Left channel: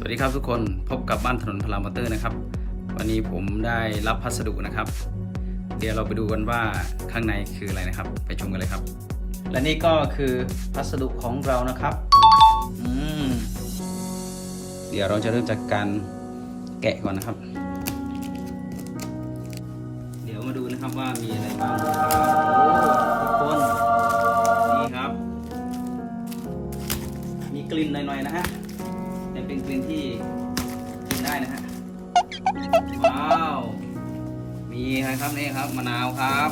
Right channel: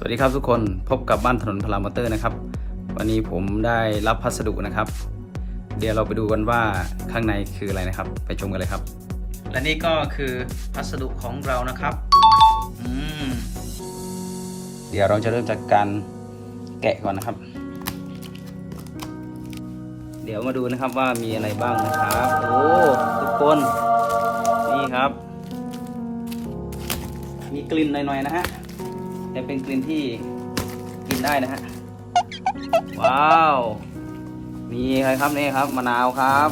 สวัสดีครับทุกคนพบกับบ้านถนนพลามอเตอร์นะครับ วันนี้ผมได้รับพัสดุนะครับ เดี๋ยวเราไปดูกันว่าข้างในคืออะไรนะครับ ไปชมกันเลยครับ และนี่ก็คือพัสดุของเรานะครับอืมเดี๋ยวเราจะเริ่มจากการแกะก่อนนะครับ เดี๋ยวมาดูนะครับว่ามีอะไรบ้างนะครับ โอ้ทุกคนนี่ครับ มีกลิ่นหน่อยๆนะฮะ แต่เป็นกลิ่นที่กินได้นะฮะ ว้าว มีอะไรครับนี่ครับมะนาวครับ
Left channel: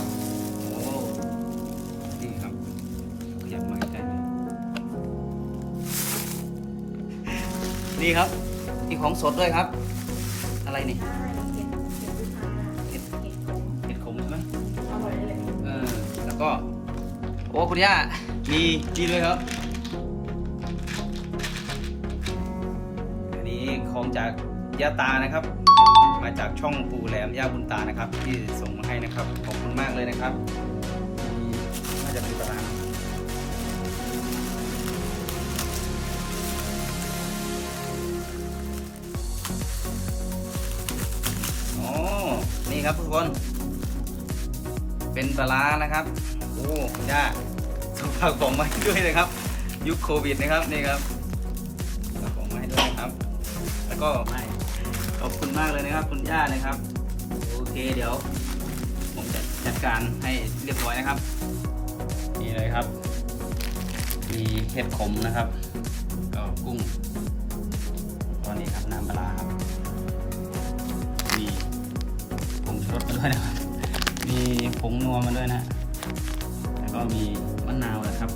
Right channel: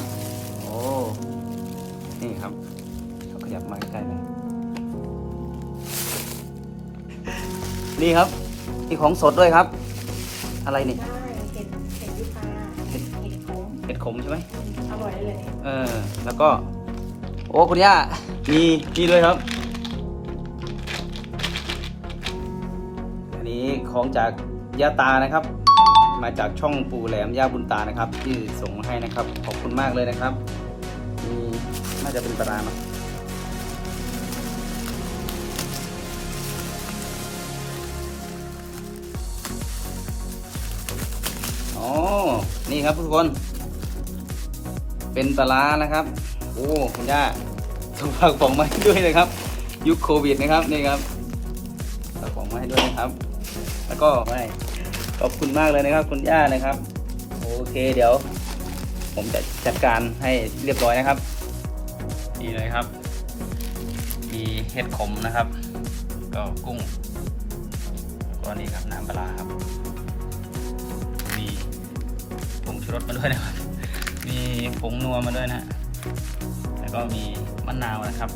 โอ้ นี่ครับขยับมาใกล้ๆหน่อยนี่ครับ มีของสดด้วยครับ อะไรนี่ ได้เห็ดเห็ดยูคาเห็ดเห็ดขมเห็ดขมใช่ไหมอร่อยเลยเนี่ยเออ แล้วก็ โอ้ คุณย่า มีนี่ด้วยครับ ของจากยาตานะครับ มาจากช่องปูแหลมย่าบุญตานะครับ ที่ส่งมาให้นะครับ ขอบคุณมากเลยนะครับมีน่าจะเป็นปลาร้าเนอะอ๋อนี่ครับทุกคน เป็นปลาร้านะครับ โอ้คุณย่าส่งฝากของมาให้ด้วยนะครับ ยุคโควิดนะครับนี่ครับฝากของมาให้ด้วยนะครับ แล้วก็ไม่ขอบคุณมากเลยนะครับคุณย่านะครับ โอเคเดี๋ยว ผมจะจัดการให้เรียบร้อยนะครับ นี่เลยครับ มีเห็ดขมนะครับ ก็กุ้งตอนนี้ครับน้ำปลาร้าครับ มีผงชูรสมาด้วยนะครับ มีผงนัวมาด้วยนะฮะแล้วก็มีมะนาวนะครับ